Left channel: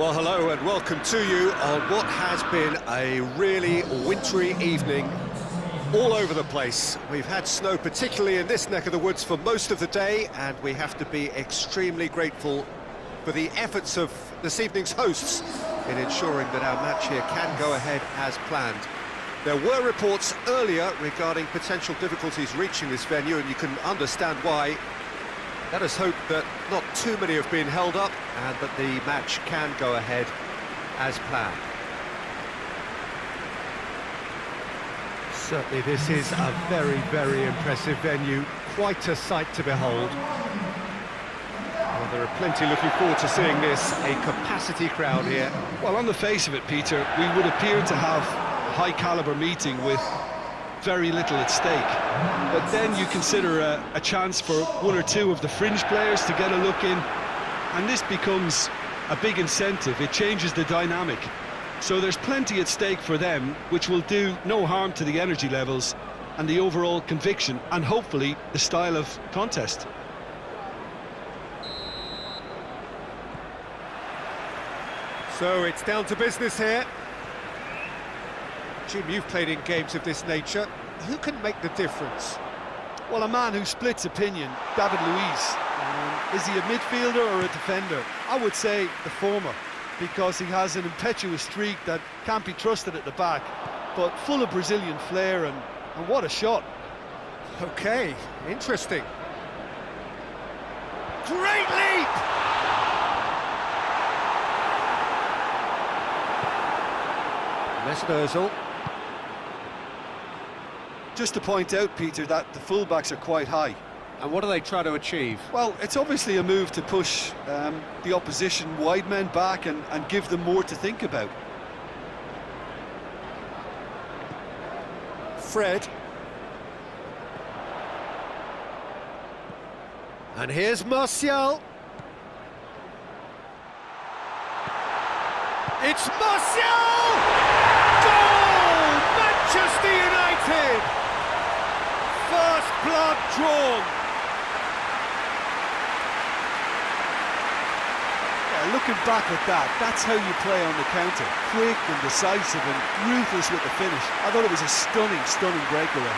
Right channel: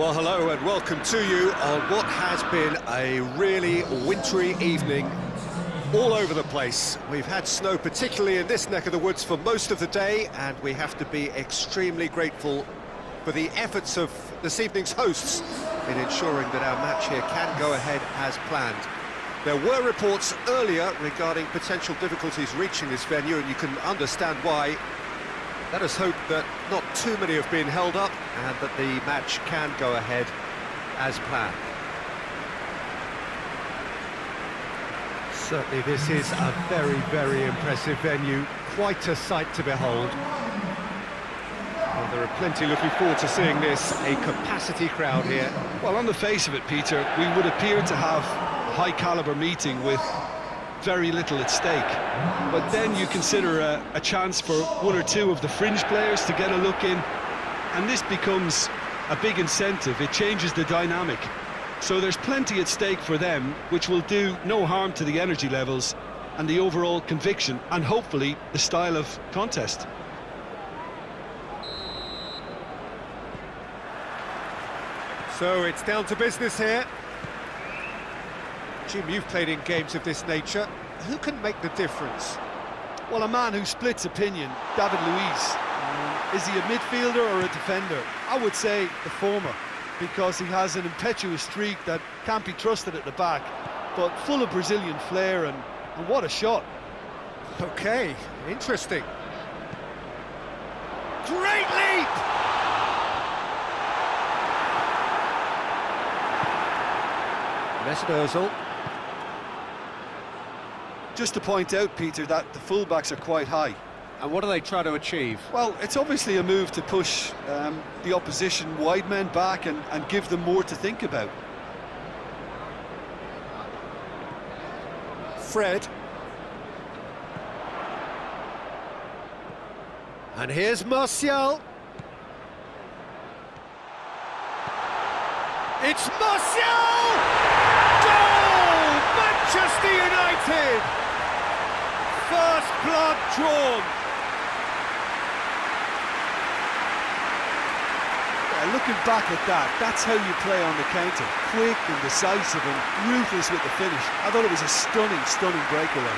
Well, hello and welcome to you on what has been a really wintry evening all over the place. We've had snow, particularly in this neck of the woods, for most of the day, and we have to be extremely grateful for the efforts of this evening's hosts in ensuring that our match here can go ahead as planned. There were reports earlier regarding potential difficulties reaching this venue, and you can understand why. Let us hope that not too many have been held up and that the match can go ahead as planned. Certainly this is a very, very impressive venue, quite a sight to behold. Well, there are plenty looking forward to seeing this, a capacity crowd here. Well, on the face of it, Peter, we would appear to have a high-caliber meeting with very little at stake. But then you consider a chance for one or two of the fringe players to get a look in, and this becomes a big incentive. It changes the dynamic. So there's plenty at stake for them, which will do no harm to the energy levels and the overall conviction, and hopefully the style of contest. So it's down to business here. Jim, you've played in games of this nature. Who can make the difference? Well, a man who splits opinion, David Luiz. Is he a midfielder or a defender? I would say the former, because he has an impetuous streak that can't be trusted at the back, but full of Brazilian flair, and what a shot. Okay, interesting. Great leap! Mesut Ozil. Just to point out, Peter, that the fullbacks are quite high. And what do they try to achieve? Well, it's obviously a move to push the opposition wide men back and give them more to think about. Fred. And here's Martial. It's Martial! Goal! Manchester United! First blood drawn. Yeah, looking back at that, that's how you play on the counter. Quick and decisive and ruthless with the finish. I thought it was a stunning, stunning breakaway.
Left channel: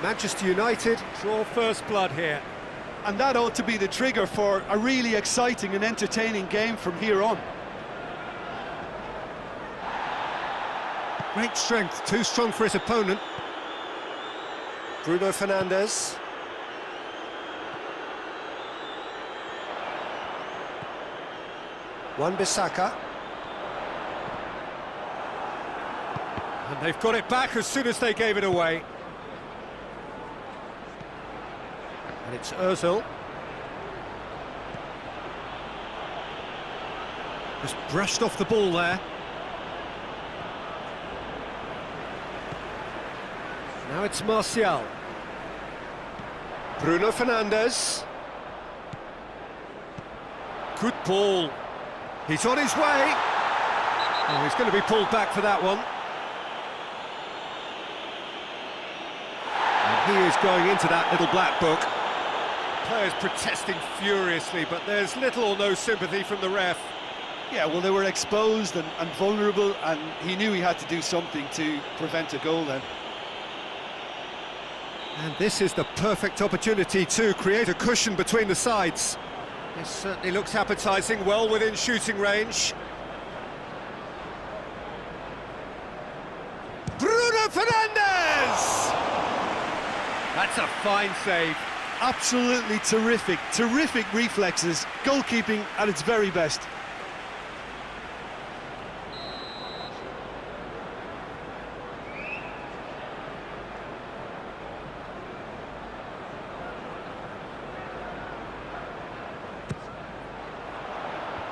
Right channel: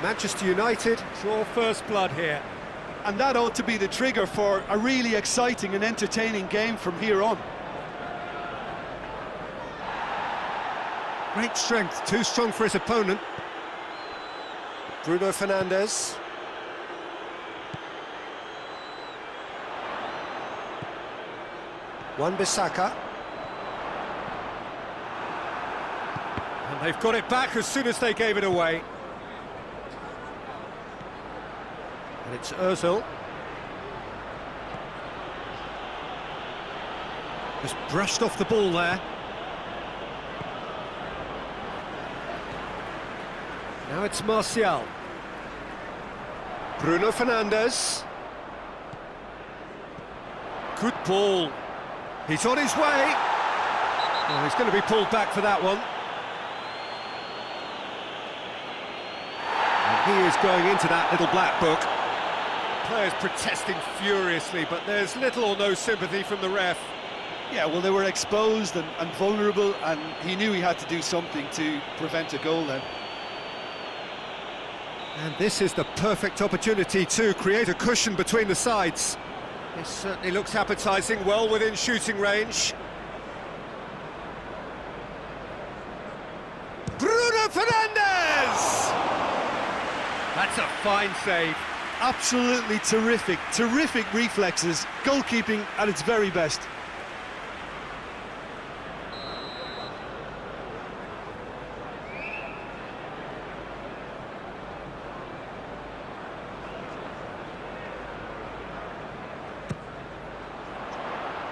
Manchester United draw first blood here. And that ought to be the trigger for a really exciting and entertaining game from here on. Great strength, too strong for his opponent. Bruno Fernandes. Wan-Bissaka. And they've got it back as soon as they gave it away. And it's Ozil. Just brushed off the ball there. Now it's Martial. Bruno Fernandes. Good ball. He's on his way. Oh, he's going to be pulled back for that one. And he is going into that little black book. Players protesting furiously, but there's little or no sympathy from the ref. Yeah, well, they were exposed and vulnerable, and he knew he had to do something to prevent a goal then. And this is the perfect opportunity to create a cushion between the sides. This certainly looks appetising, well within shooting range. Bruno Fernandes! That's a fine save. Absolutely terrific, terrific reflexes, goalkeeping at its very best.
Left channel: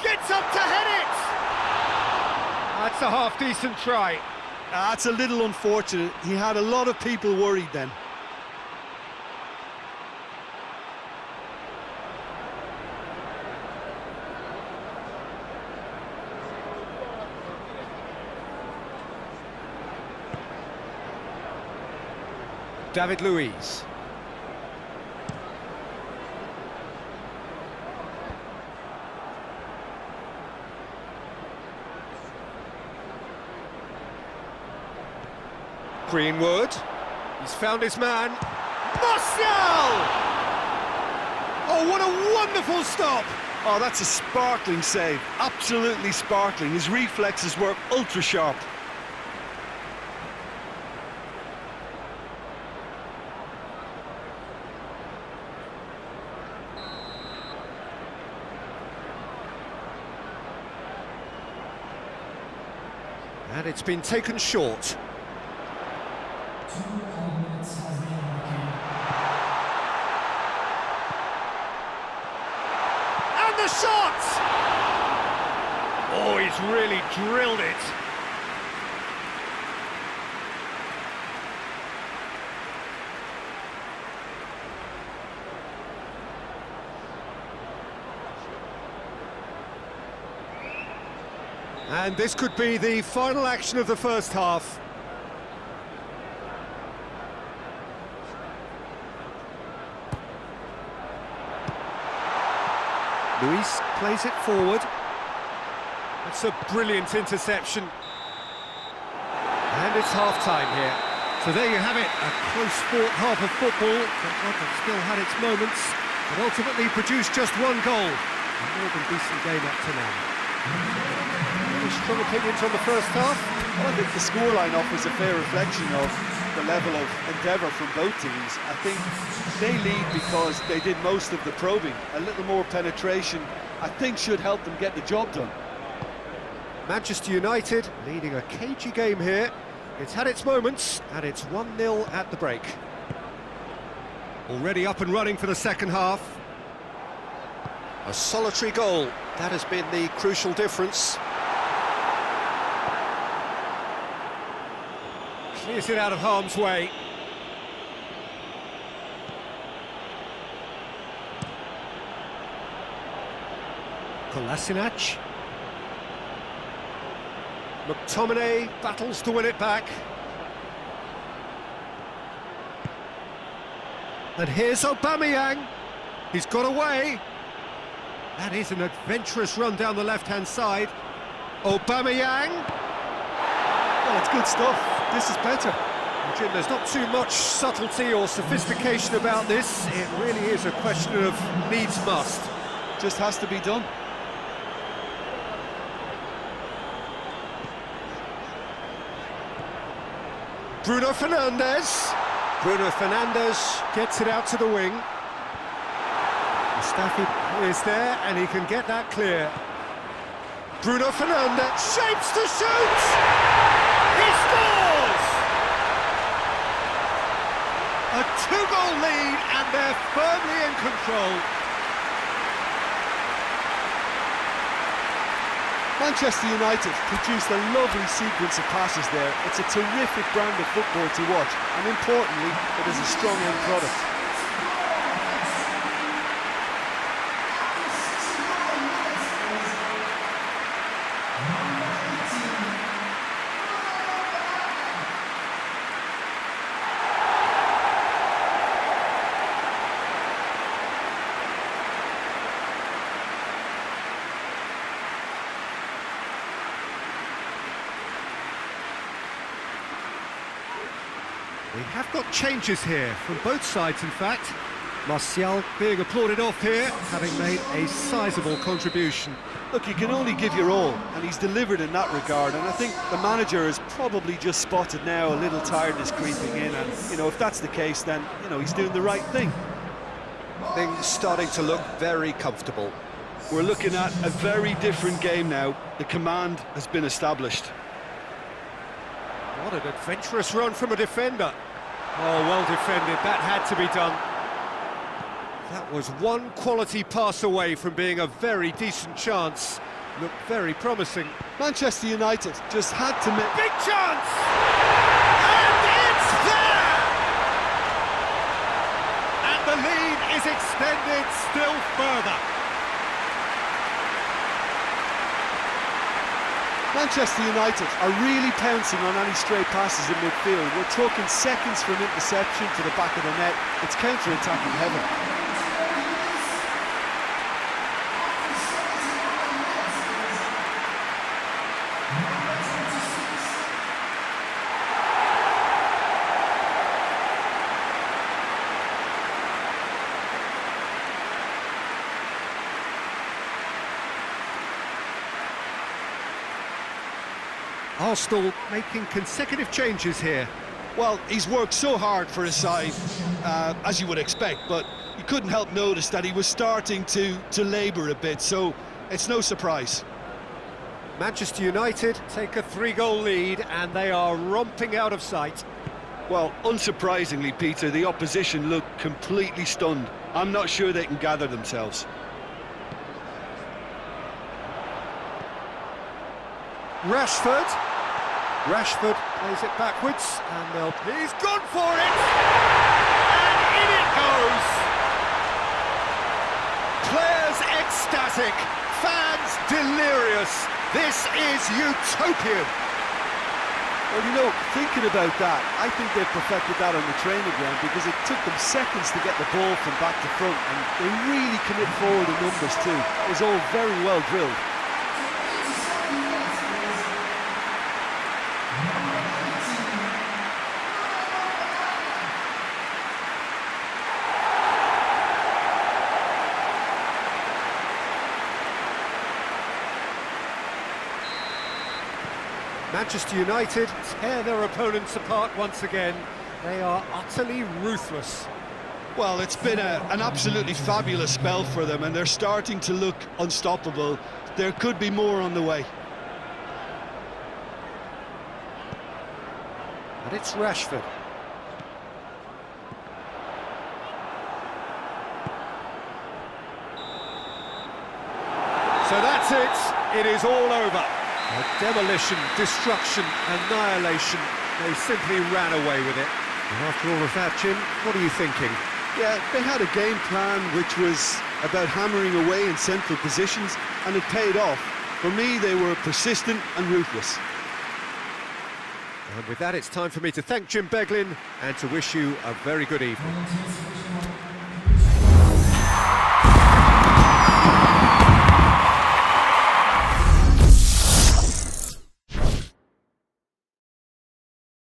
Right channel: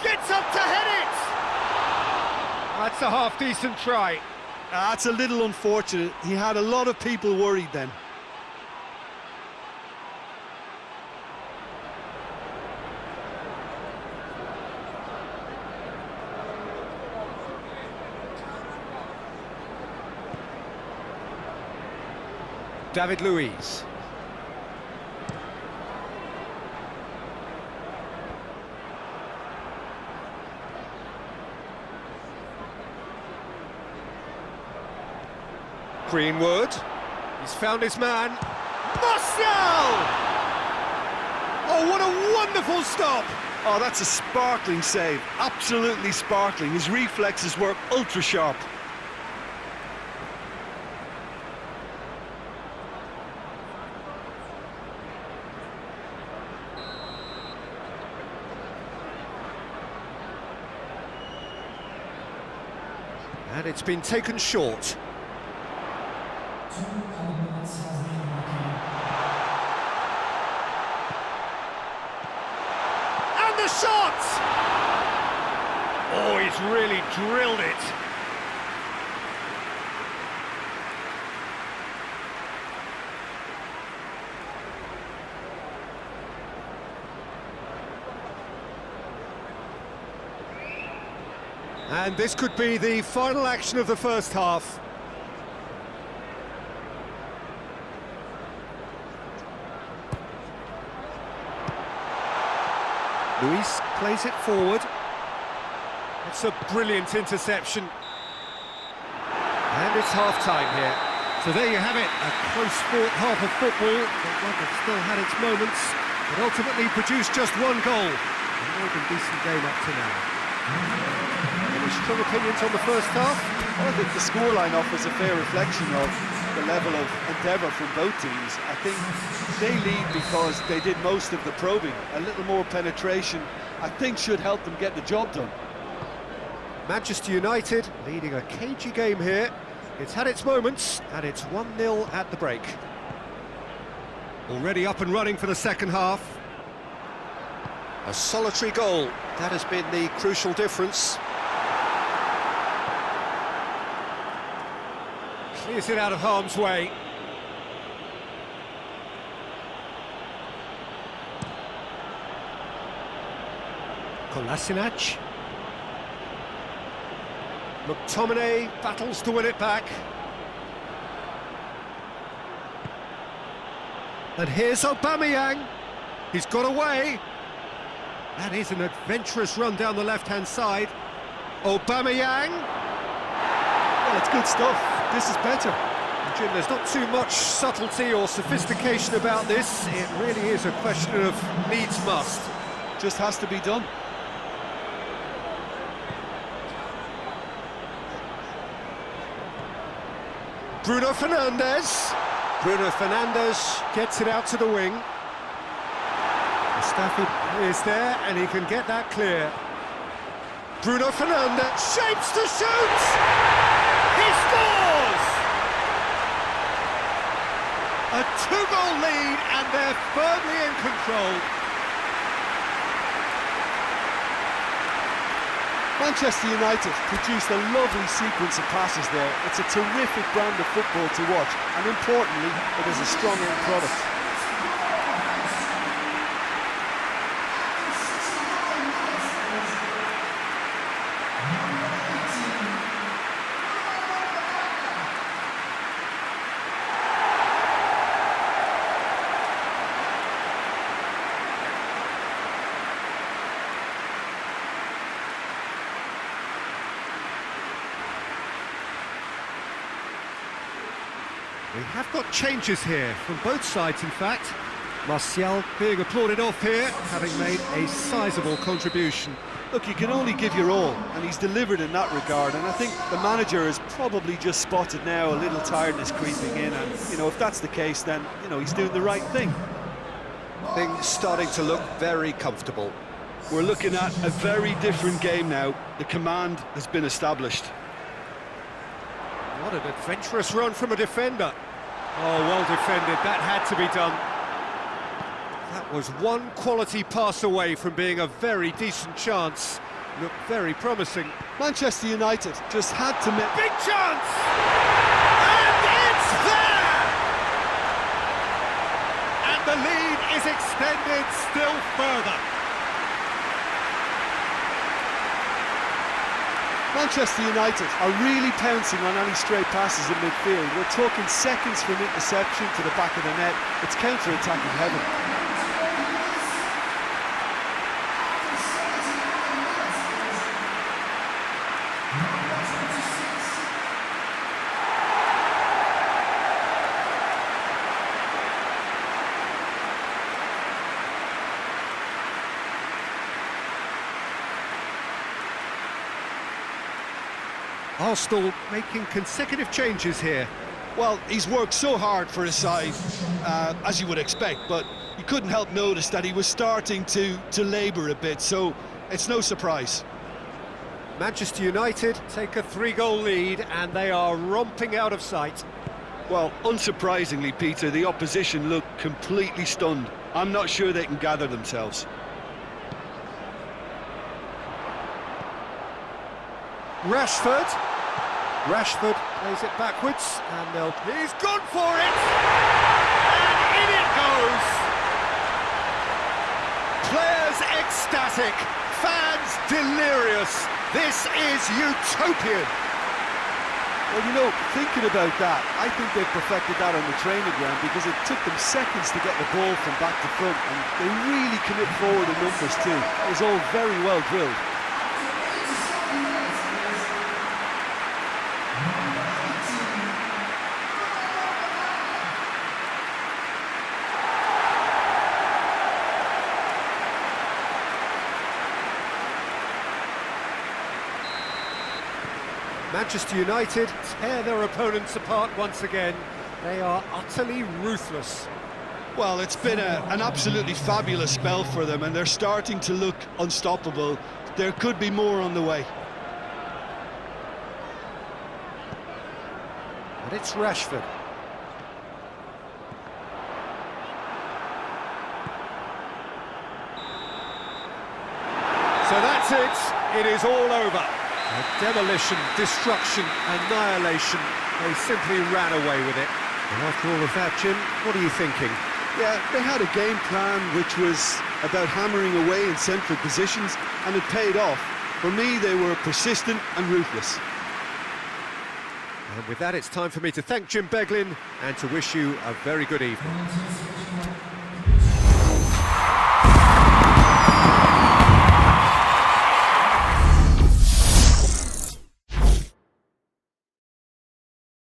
Gets up to head it! That's a half-decent try. That's a little unfortunate. He had a lot of people worried then. David Luiz. Greenwood. He's found his man. Martial! Oh, what a wonderful stop! Oh, that's a sparkling save. Absolutely sparkling. His reflexes were ultra sharp. And it's been taken short. And the shot! Oh, he's really drilled it. And this could be the final action of the first half. Luis plays it forward. It's a brilliant interception. And it's half-time here. So there you have it, a close-fought half of football, but one that still had its moments, but ultimately produced just one goal. A more than decent game up to now. Any strong opinions on the first half? Well, I think the scoreline offers a fair reflection of the level of endeavour from both teams. I think they lead because they did most of the probing. A little more penetration, I think, should help them get the job done. Manchester United leading a cagey game here. It's had its moments, and it's 1-0 at the break. Already up and running for the second half. A solitary goal, that has been the crucial difference. Clears it out of harm's way. Kolasinac. McTominay battles to win it back. And here's Aubameyang. He's got away. That is an adventurous run down the left-hand side. Aubameyang. Well, it's good stuff. This is better. And Jim, there's not too much subtlety or sophistication about this. It really is a question of needs must. Just has to be done. Bruno Fernandes. Bruno Fernandes gets it out to the wing. Mustafi is there and he can get that clear. Bruno Fernandes shapes to shoot! He scores! A two-goal lead and they're firmly in control. Manchester United produced a lovely sequence of passes there. It's a terrific brand of football to watch, and importantly, it is a strong end product. We have got changes here, from both sides in fact. Martial being applauded off here, having made a sizable contribution. Look, you can only give your all, and he's delivered in that regard, and I think the manager has probably just spotted now a little tiredness creeping in, and, you know, if that's the case, then, you know, he's doing the right thing. Things starting to look very comfortable. We're looking at a very different game now. The command has been established. What an adventurous run from a defender. Oh, well defended, that had to be done. That was one quality pass away from being a very decent chance. look very promising. Manchester United just had to make... Big chance! And it's there! And the lead is extended still further. Manchester United are really pouncing on any stray passes in midfield. We're talking seconds from interception to the back of the net. It's counter-attacking heaven. Arsenal making consecutive changes here. Well, he's worked so hard for his side, as you would expect, but you couldn't help notice that he was starting to labour a bit, so it's no surprise. Manchester United take a 3-goal lead and they are romping out of sight. Well, unsurprisingly, Peter, the opposition look completely stunned. I'm not sure they can gather themselves. Rashford plays it backwards, and he's gone for it! And in it goes! Players ecstatic, fans delirious. This is utopian! Well, you know, thinking about that, I think they've perfected that on the training ground because it took them seconds to get the ball from back to front, and they really commit forward in numbers too. It was all very well drilled. Manchester United tear their opponents apart once again. They are utterly ruthless. Well, it's been an absolutely fabulous spell for them, and they're starting to look unstoppable. There could be more on the way. And it's Rashford. So that's it. It is all over. A demolition, destruction, annihilation. They simply ran away with it. And after all of that, Jim, what are you thinking? Yeah, they had a game plan which was about hammering away in central positions, and it paid off. For me, they were persistent and ruthless. And with that, it's time for me to thank Jim Beglin and to wish you a very good evening.